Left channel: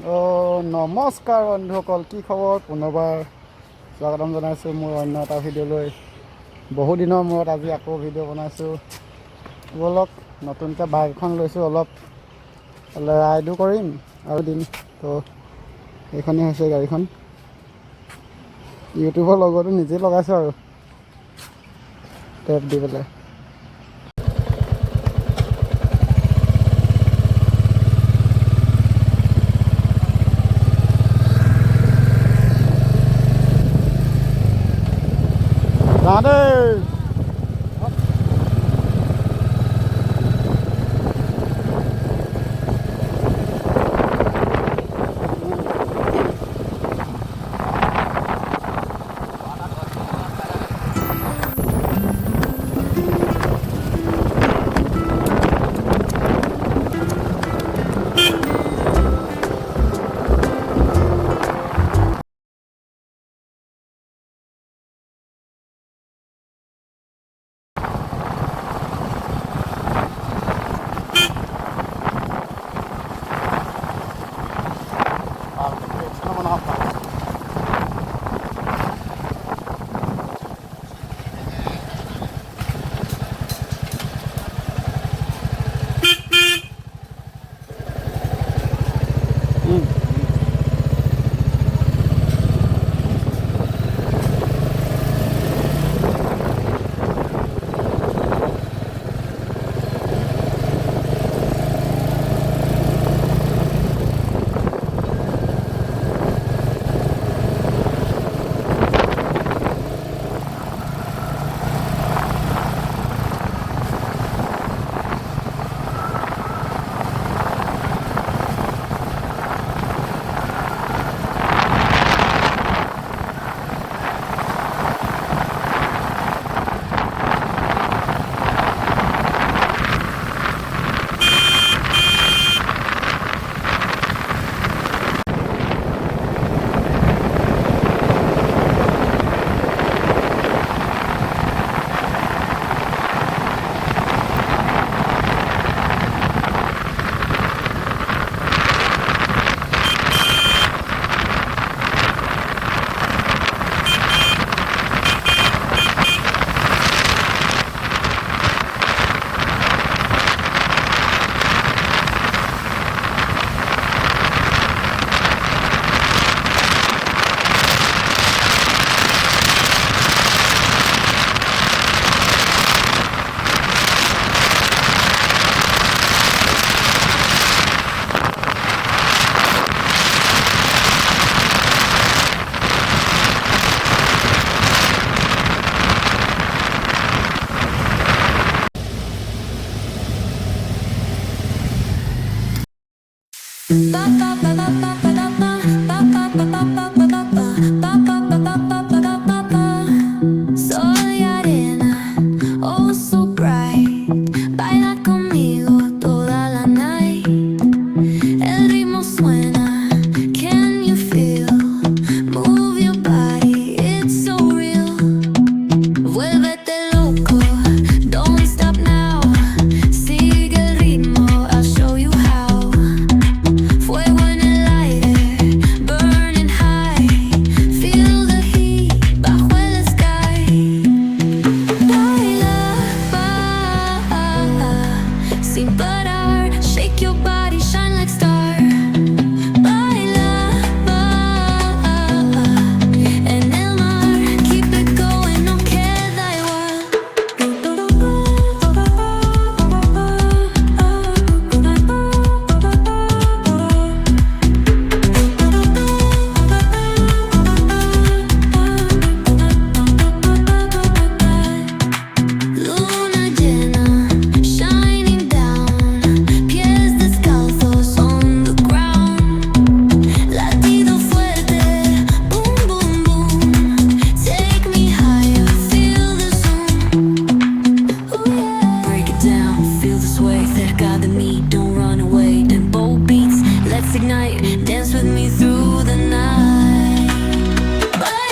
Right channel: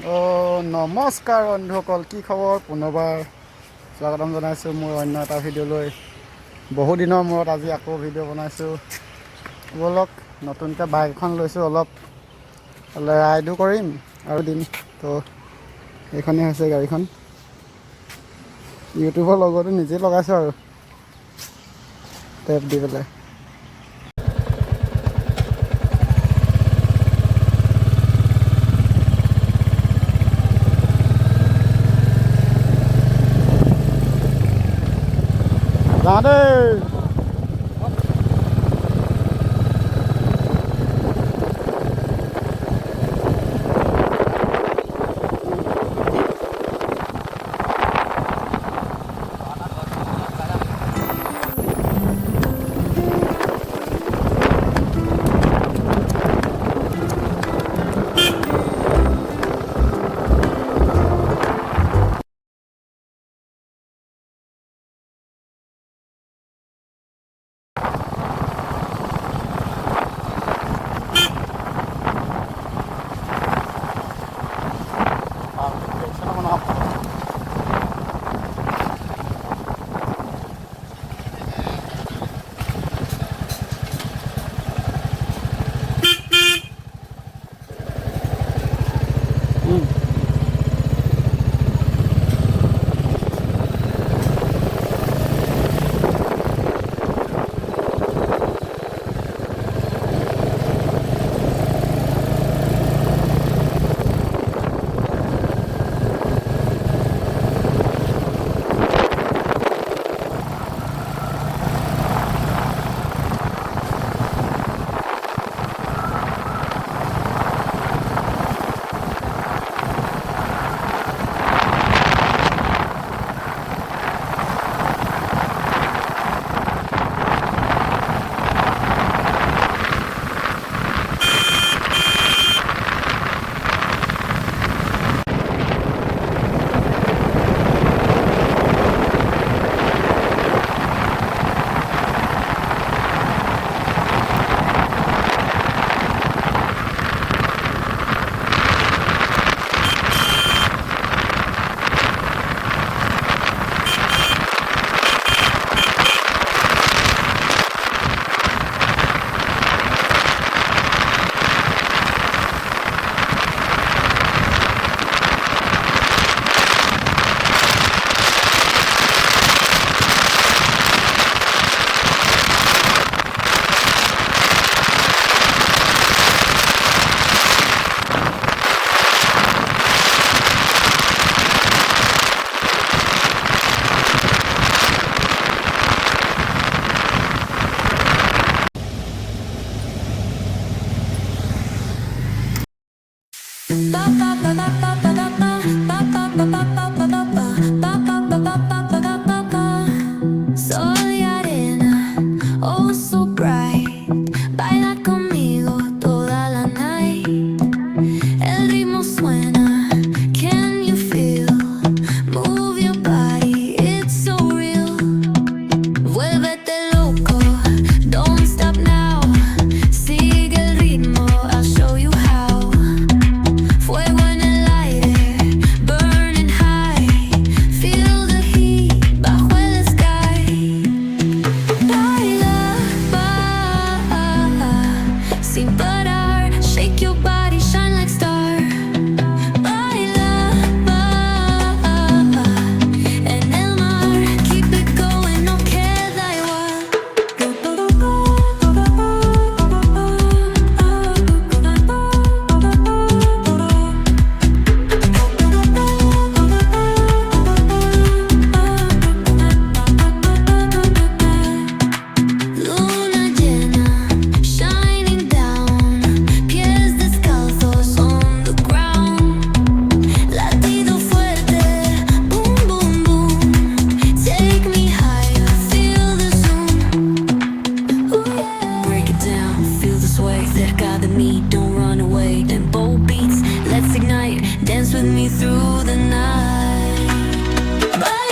নমস্কাৰ বন্ধুসকল, কি খবৰ? পুনৰবাৰ স্বাগতম জনাইছোঁ মোৰ অন্য এটা ভিডিঅ'লৈ। বহু দিনৰ মূৰত আজি আকৌ ভিডিঅ' বনাইছোঁ। ব'লক, নতুনকৈ বাইক এখন লৈছোঁ, অলপ ৰাইডো কৰিম আৰু দিন। তো এইখনেই হৈছে গাড়ীখন। ইউটিউবৰ লগতো নিজেই লগাইছোঁ আৰু টেপ দি পেলাই। যাওঁ Soy arena, oh so bright. Baila conmigo toda la night. El ritmo suena, can you feel? Move your body, it's so real. Vuélvete loco, don't stop now. Sigue el ritmo, I'll show you how. Fuego en el aire, burning high. Feel the heat bajo el sky. Baila, sin parar. Shake your body, shine like star. Baila, en el mar. Keep it going, no queda igual. Luna llena, shining down. Pies descalzos on the ground. Latido fuerte, boom, boom, boom. Take me higher, feel the zoom. Ooh, yeah. Break it down, feel the sway. Cerca de mí, don't run away. Tempo beats, let's ignite. Dance with me through the night. Bye.